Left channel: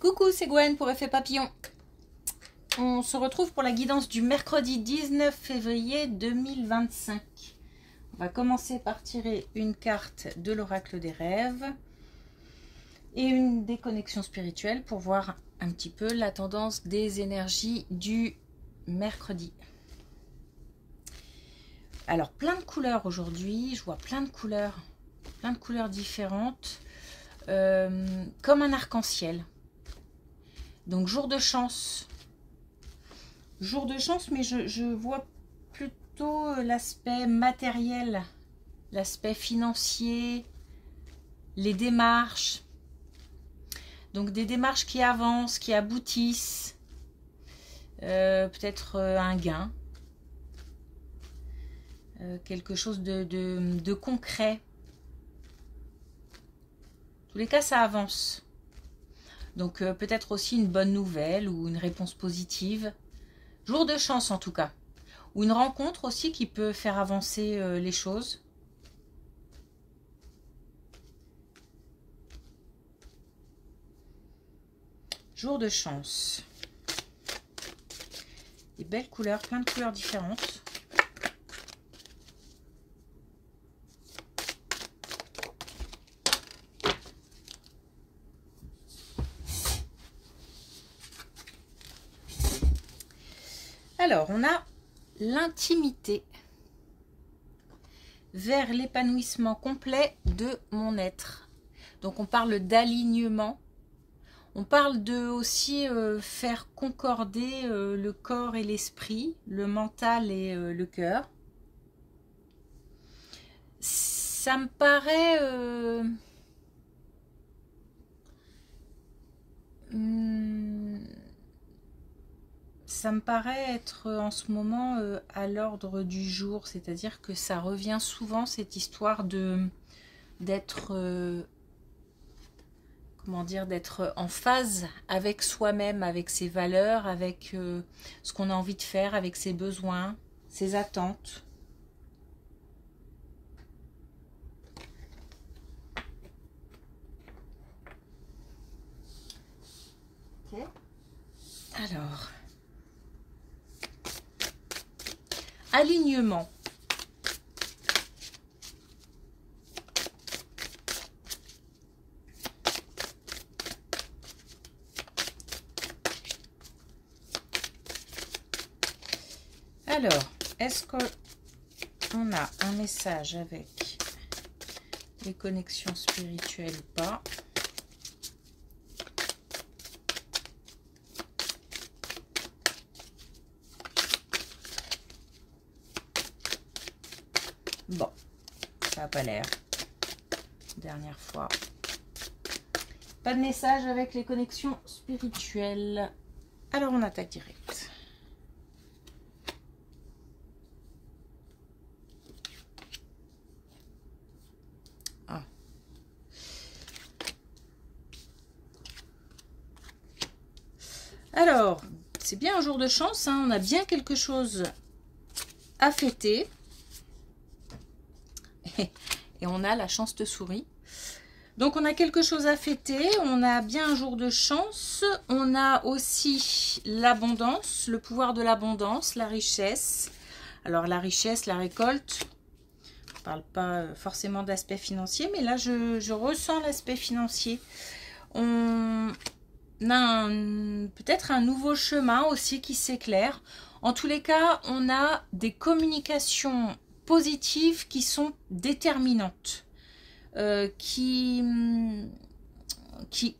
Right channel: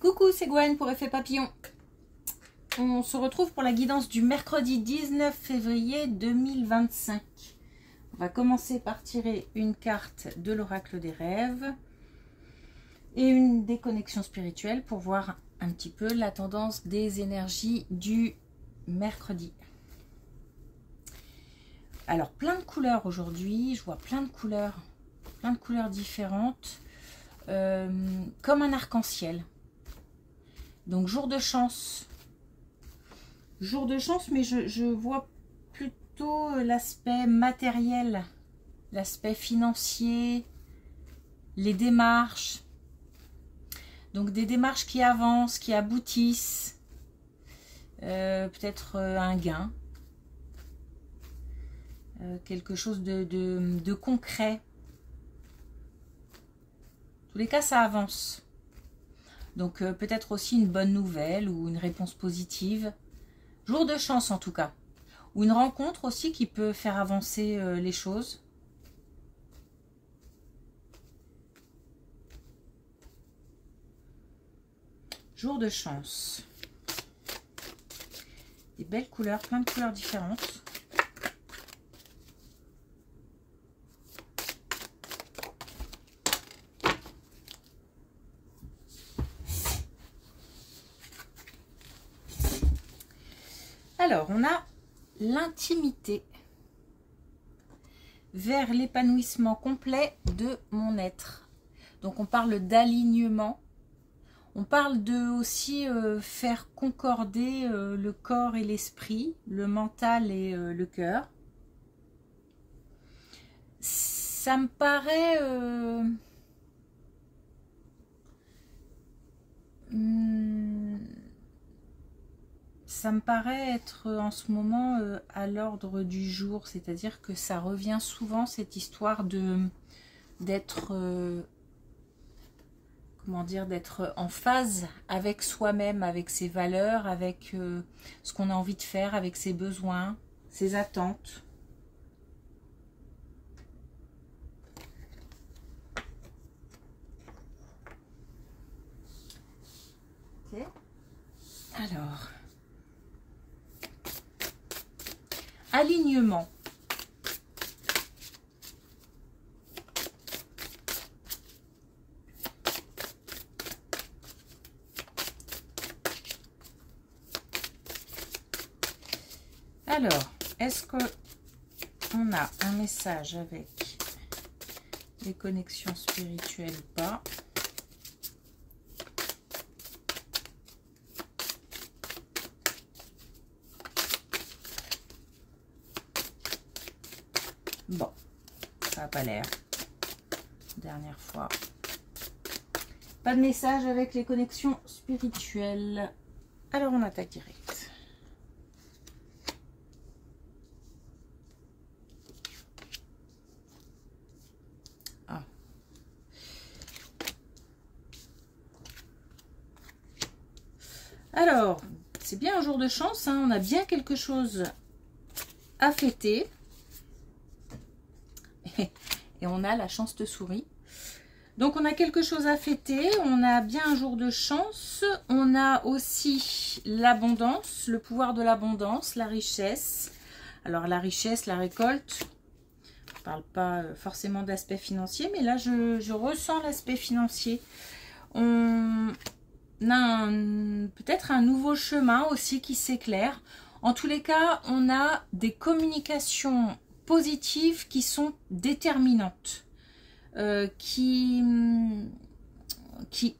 Coucou, c'est Gwen pour Effet Papillon. On se retrouve pour la guidance du mercredi 19 février 2025. On va commencer par tirer une carte de l'oracle des rêves et une des connexions spirituelles pour voir un petit peu la tendance des énergies du mercredi. Alors, plein de couleurs aujourd'hui. Je vois plein de couleurs différentes, comme un arc-en-ciel. Donc, jour de chance, mais je vois plutôt l'aspect matériel, l'aspect financier, les démarches. Donc, des démarches qui avancent, qui aboutissent, peut-être un gain, quelque chose de concret. En tous les cas, ça avance. Donc, peut-être aussi une bonne nouvelle ou une réponse positive. Jour de chance, en tout cas. Ou une rencontre aussi qui peut faire avancer les choses. Jour de chance. Des belles couleurs, plein de couleurs différentes. Alors, on a l'intimité vers l'épanouissement complet de mon être. Donc, on parle d'alignement. On parle de aussi faire concorder le corps et l'esprit, le mental et le cœur. Ça me paraît... ça me paraît être en ce moment à l'ordre du jour, c'est-à-dire que ça revient souvent, cette histoire d'être comment dire, d'être en phase avec soi-même, avec ses valeurs, avec ce qu'on a envie de faire, avec ses besoins, ses attentes. Ok. Alors, alignement. Alors, est-ce qu'on a un message avec les connexions spirituelles ou pas? Bon, ça n'a pas l'air. Dernière fois. Pas de message avec les connexions spirituelles. Alors, on attaque direct. Ah. Alors, c'est bien un jour de chance, hein, on a bien quelque chose à fêter. Et on a la chance te sourit. Donc, on a quelque chose à fêter. On a bien un jour de chance. On a aussi l'abondance, le pouvoir de l'abondance, la richesse. Alors, la richesse, la récolte. On ne parle pas forcément d'aspect financier, mais là, je ressens l'aspect financier. On a peut-être un nouveau chemin aussi qui s'éclaire. En tous les cas, on a des communications positives qui sont déterminantes, qui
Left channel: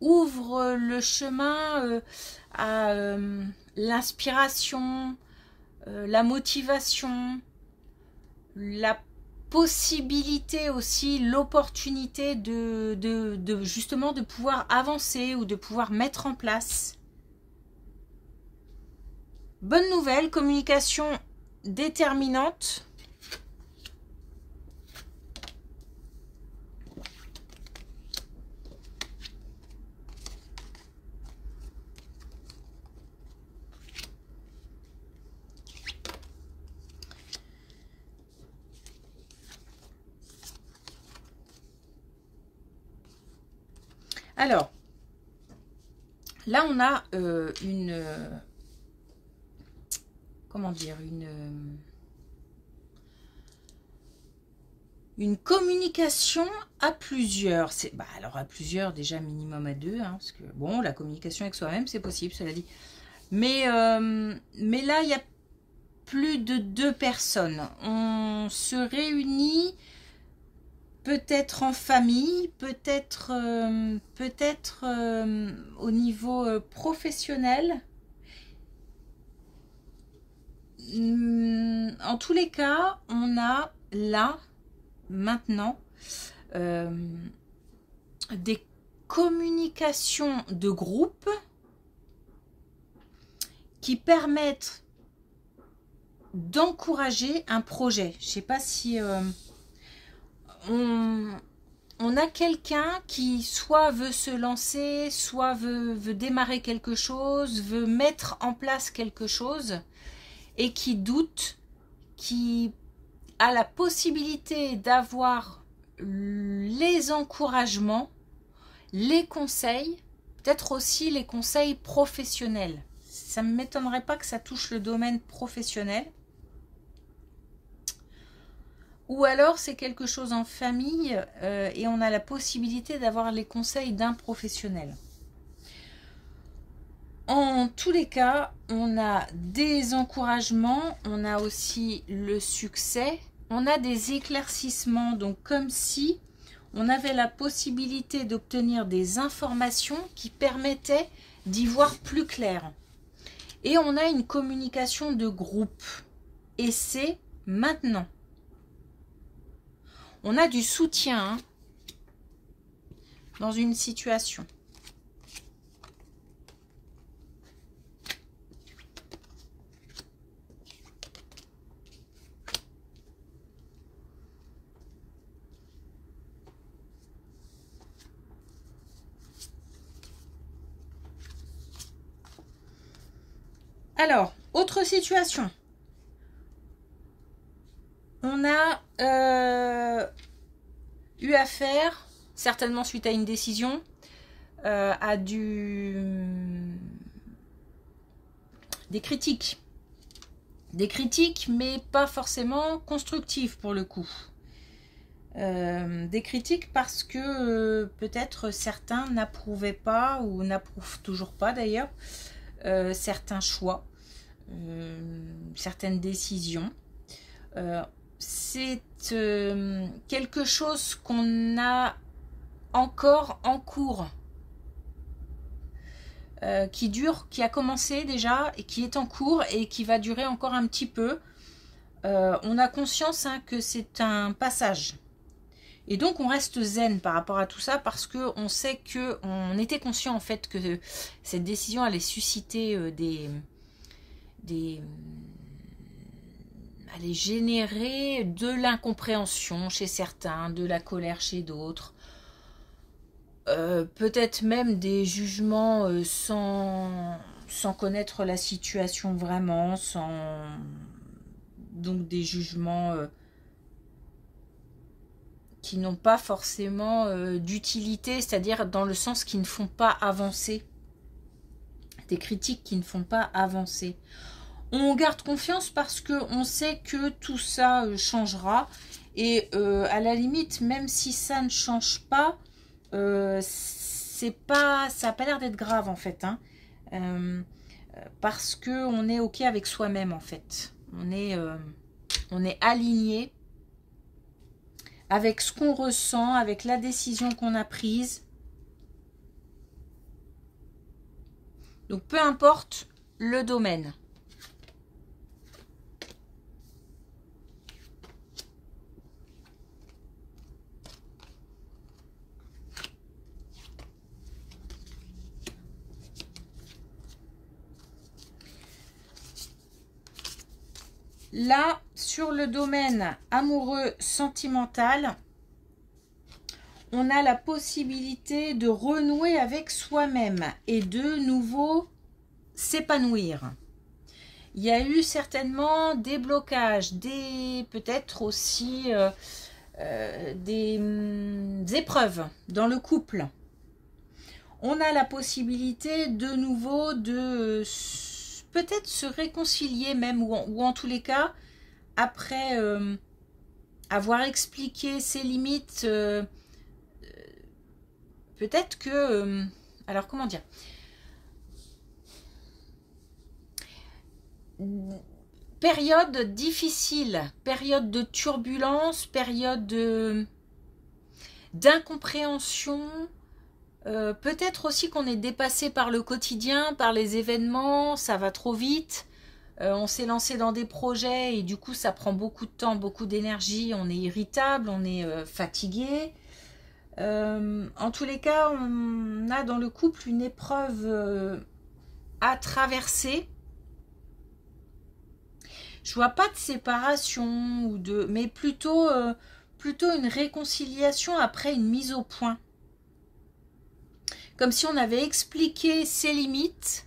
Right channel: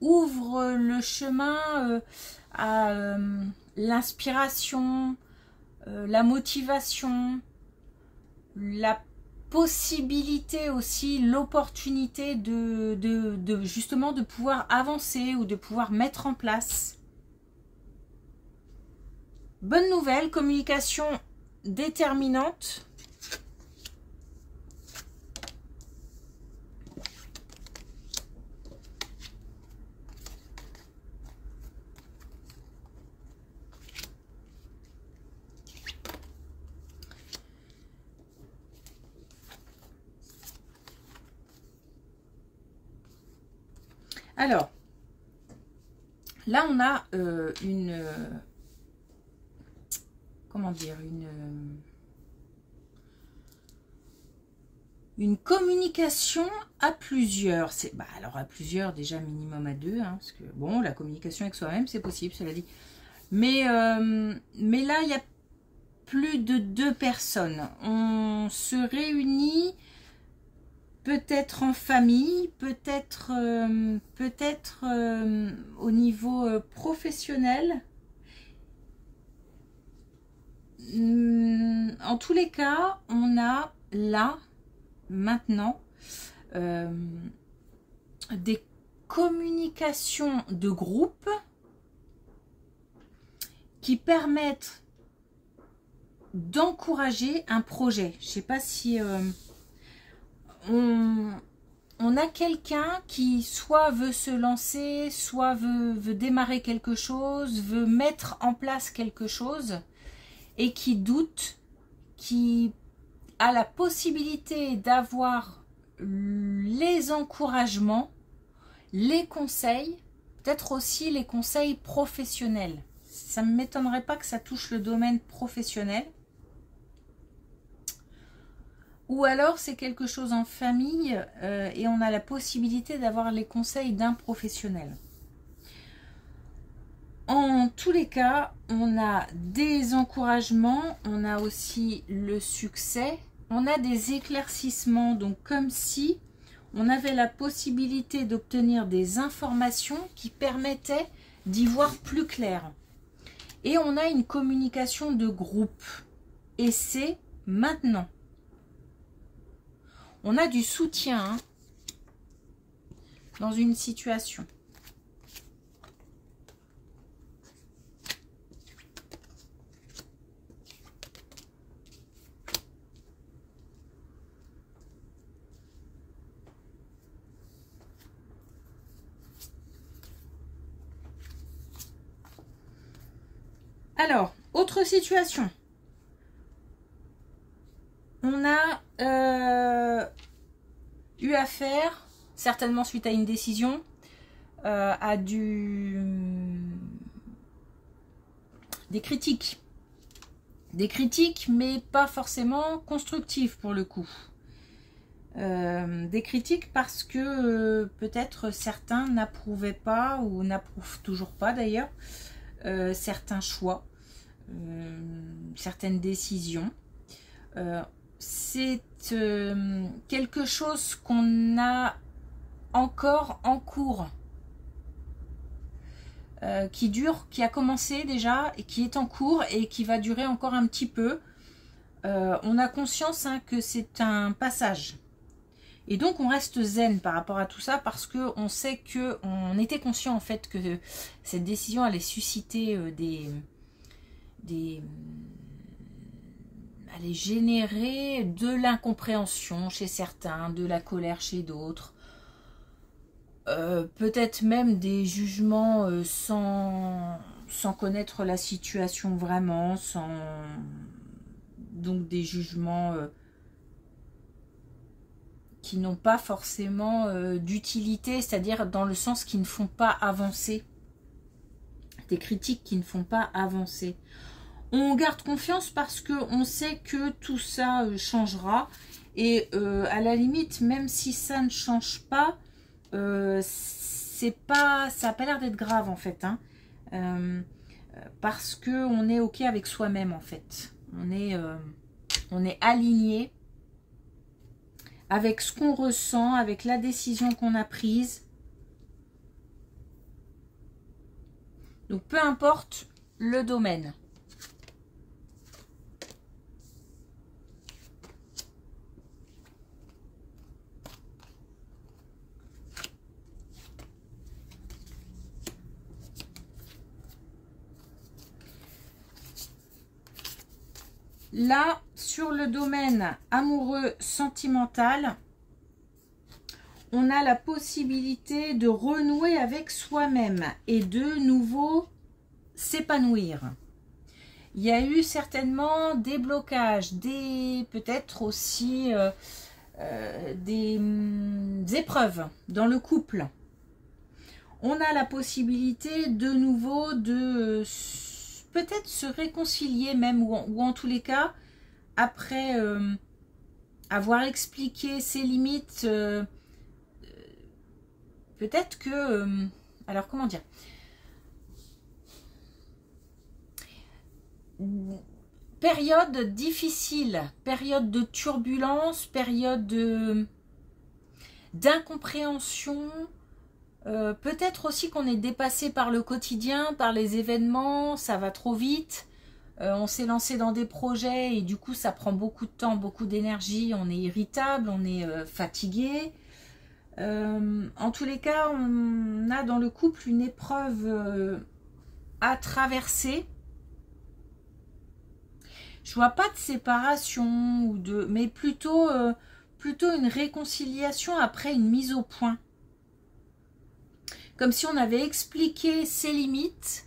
ouvrent le chemin à l'inspiration, la motivation, la possibilité aussi, l'opportunité de justement de pouvoir avancer ou de pouvoir mettre en place. Bonne nouvelle, communication déterminante. Alors, Là, on a comment dire, une communication à plusieurs. Bah, alors à plusieurs, déjà minimum à deux, hein, parce que bon, la communication avec soi-même, c'est possible, cela dit. Mais là, il y a plus de 2 personnes. On se réunit peut-être en famille, peut-être au niveau professionnel. En tous les cas, on a là, maintenant, des communications de groupe qui permettent d'encourager un projet. Je ne sais pas si on a quelqu'un qui soit veut se lancer, soit veut démarrer quelque chose, veut mettre en place quelque chose et qui doute, qui a la possibilité d'avoir les encouragements, les conseils, peut-être aussi les conseils professionnels. Ça ne m'étonnerait pas que ça touche le domaine professionnel. Ou alors c'est quelque chose en famille et on a la possibilité d'avoir les conseils d'un professionnel. En tous les cas, on a des encouragements, on a aussi le succès, on a des éclaircissements, donc comme si on avait la possibilité d'obtenir des informations qui permettaient d'y voir plus clair. Et on a une communication de groupe. Et c'est maintenant. On a du soutien dans une situation. Alors, autre situation. On a eu affaire, certainement suite à une décision, à des critiques. Des critiques, mais pas forcément constructives pour le coup. Des critiques parce que peut-être certains n'approuvaient pas, ou n'approuvent toujours pas d'ailleurs, certains choix, certaines décisions. C'est quelque chose qu'on a encore en cours, qui dure, qui a commencé déjà et qui est en cours et qui va durer encore un petit peu. On a conscience que c'est un passage. Et donc on reste zen par rapport à tout ça parce que on sait que on était conscient en fait que cette décision allait susciter allait générer de l'incompréhension chez certains, de la colère chez d'autres, peut-être même des jugements sans connaître la situation vraiment, donc des jugements qui n'ont pas forcément d'utilité, c'est-à-dire dans le sens qui ne font pas avancer, des critiques qui ne font pas avancer. On garde confiance parce qu'on sait que tout ça changera et à la limite, même si ça ne change pas, ça n'a pas l'air d'être grave en fait, hein, parce qu'on est ok avec soi-même en fait. On est aligné avec ce qu'on ressent, avec la décision qu'on a prise. Donc peu importe le domaine. Là, sur le domaine amoureux sentimental, on a la possibilité de renouer avec soi-même et de nouveau s'épanouir. Il y a eu certainement des blocages, peut-être aussi des épreuves dans le couple. on a la possibilité de nouveau de peut-être se réconcilier même, ou en tous les cas, après avoir expliqué ses limites, peut-être que... alors comment dire, période difficile, période de turbulence, période d'incompréhension, peut-être aussi qu'on est dépassé par le quotidien, par les événements, ça va trop vite, on s'est lancé dans des projets et du coup ça prend beaucoup de temps, beaucoup d'énergie, on est irritable, on est fatigué. En tous les cas, on a dans le couple une épreuve à traverser. Je vois pas de séparation ou de, mais plutôt une réconciliation après une mise au point. Comme si on avait expliqué ses limites.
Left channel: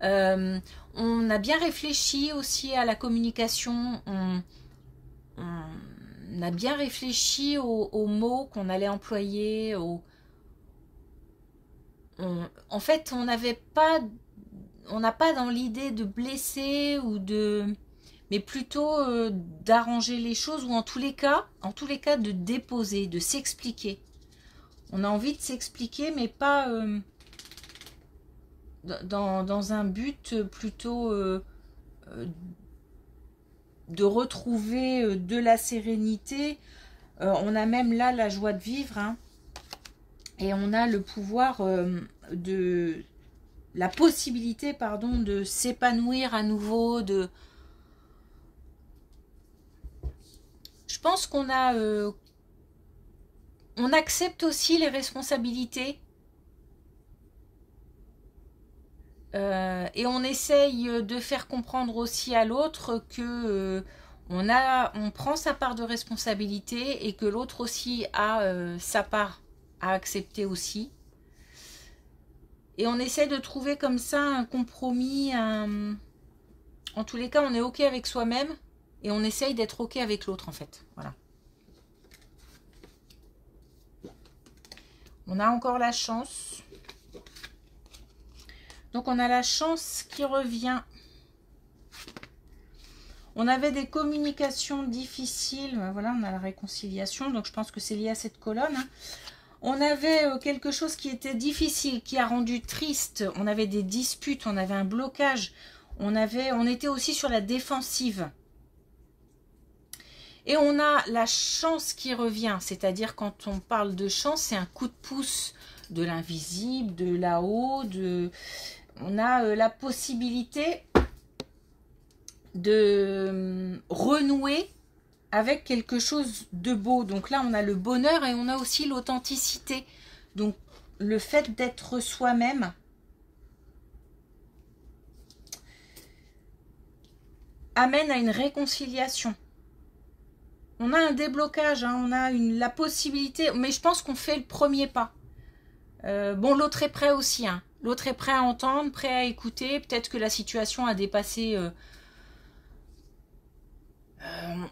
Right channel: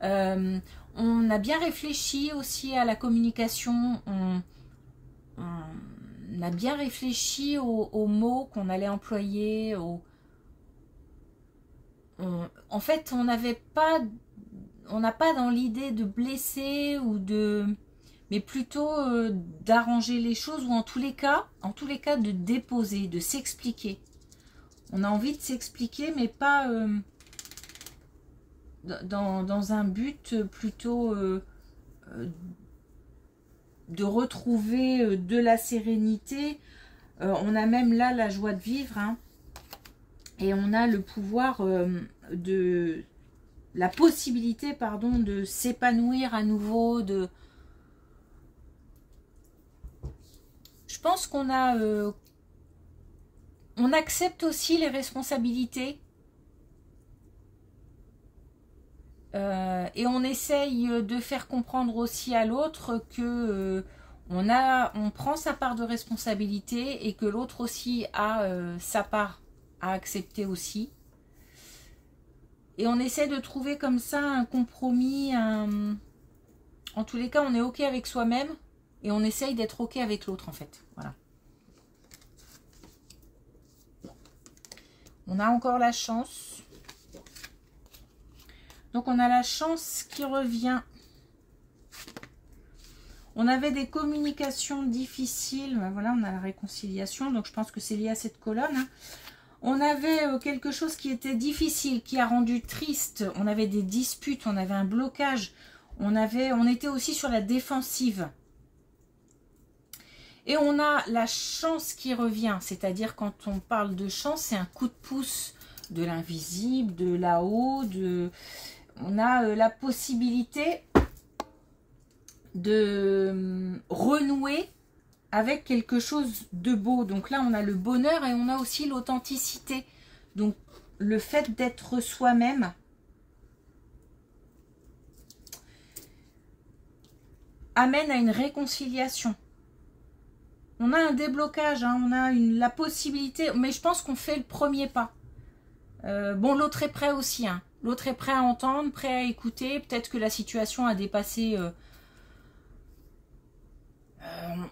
On a bien réfléchi aussi à la communication. On a bien réfléchi aux mots qu'on allait employer. En fait, on n'a pas dans l'idée de blesser ou de... mais plutôt d'arranger les choses, ou en tous les cas de déposer, de s'expliquer. On a envie de s'expliquer, mais pas dans un but plutôt de retrouver de la sérénité. On a même là la joie de vivre, hein, et on a le pouvoir la possibilité, pardon, de s'épanouir à nouveau, de... Je pense qu'on a... on accepte aussi les responsabilités. Et on essaye de faire comprendre aussi à l'autre que on prend sa part de responsabilité et que l'autre aussi a sa part à accepter aussi. Et on essaie de trouver comme ça un compromis. En tous les cas, on est OK avec soi-même et on essaye d'être OK avec l'autre en fait. Voilà. On a encore la chance. Donc on a la chance qui revient. On avait des communications difficiles. Voilà, on a la réconciliation. Donc je pense que c'est lié à cette colonne. Hein. On avait quelque chose qui était difficile, qui a rendu triste. On avait des disputes, on avait un blocage. On était aussi sur la défensive. Et on a la chance qui revient. C'est-à-dire quand on parle de chance, c'est un coup de pouce de l'invisible, de là-haut, on a la possibilité de renouer avec quelque chose de beau. Donc là, on a le bonheur et on a aussi l'authenticité. Donc, le fait d'être soi-même amène à une réconciliation. On a un déblocage, hein, on a la possibilité, mais je pense qu'on fait le premier pas. Bon, l'autre est prêt aussi, hein. L'autre est prêt à entendre, prêt à écouter. Peut-être que la situation a dépassé...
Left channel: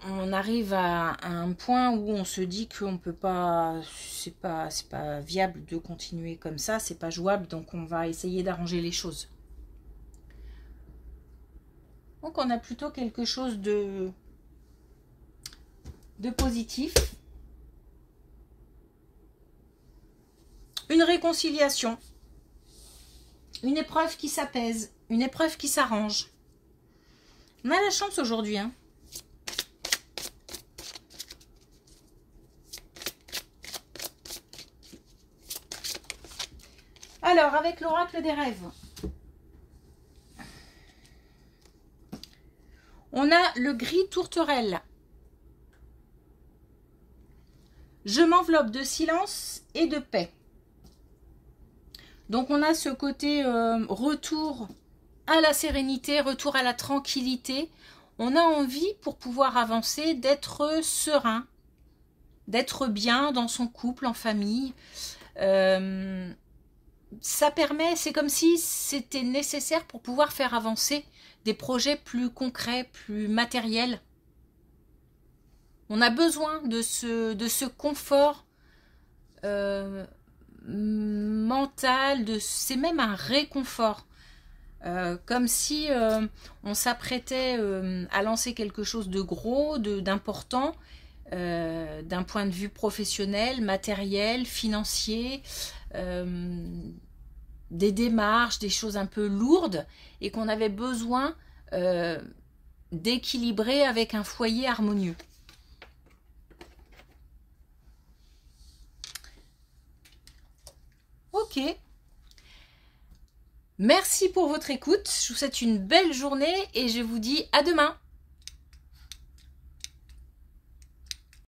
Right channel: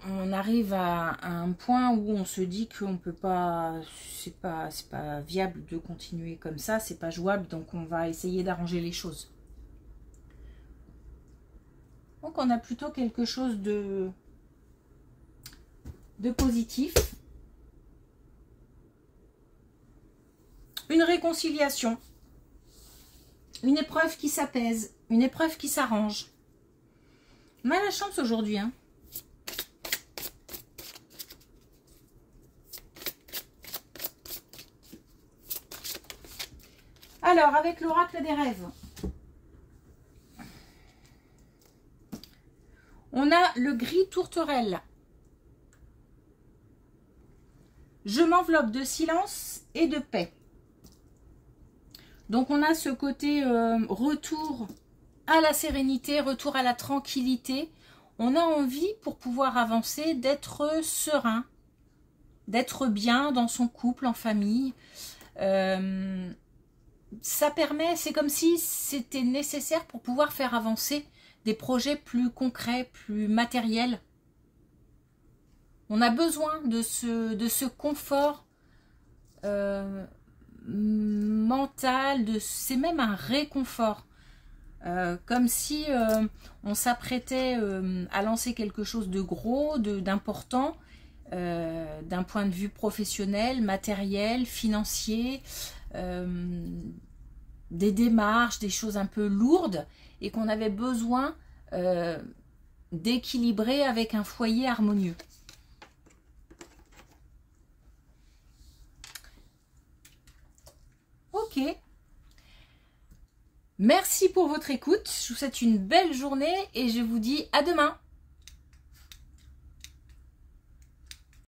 on arrive à un point où on se dit qu'on peut pas... C'est pas viable de continuer comme ça, c'est pas jouable, donc on va essayer d'arranger les choses. Donc on a plutôt quelque chose de positif. Une réconciliation. Une épreuve qui s'apaise, une épreuve qui s'arrange. On a la chance aujourd'hui, hein. Alors, avec l'oracle des rêves, on a le gris tourterelle. Je m'enveloppe de silence et de paix. Donc on a ce côté retour à la sérénité, retour à la tranquillité. On a envie, pour pouvoir avancer, d'être serein, d'être bien dans son couple, en famille. Ça permet, c'est comme si c'était nécessaire pour pouvoir faire avancer des projets plus concrets, plus matériels. On a besoin de ce confort mental, c'est même un réconfort. Comme si on s'apprêtait à lancer quelque chose de gros, d'important, d'un point de vue professionnel, matériel, financier, des démarches, des choses un peu lourdes, et qu'on avait besoin d'équilibrer avec un foyer harmonieux. Ok. Merci pour votre écoute. Je vous souhaite une belle journée et je vous dis à demain.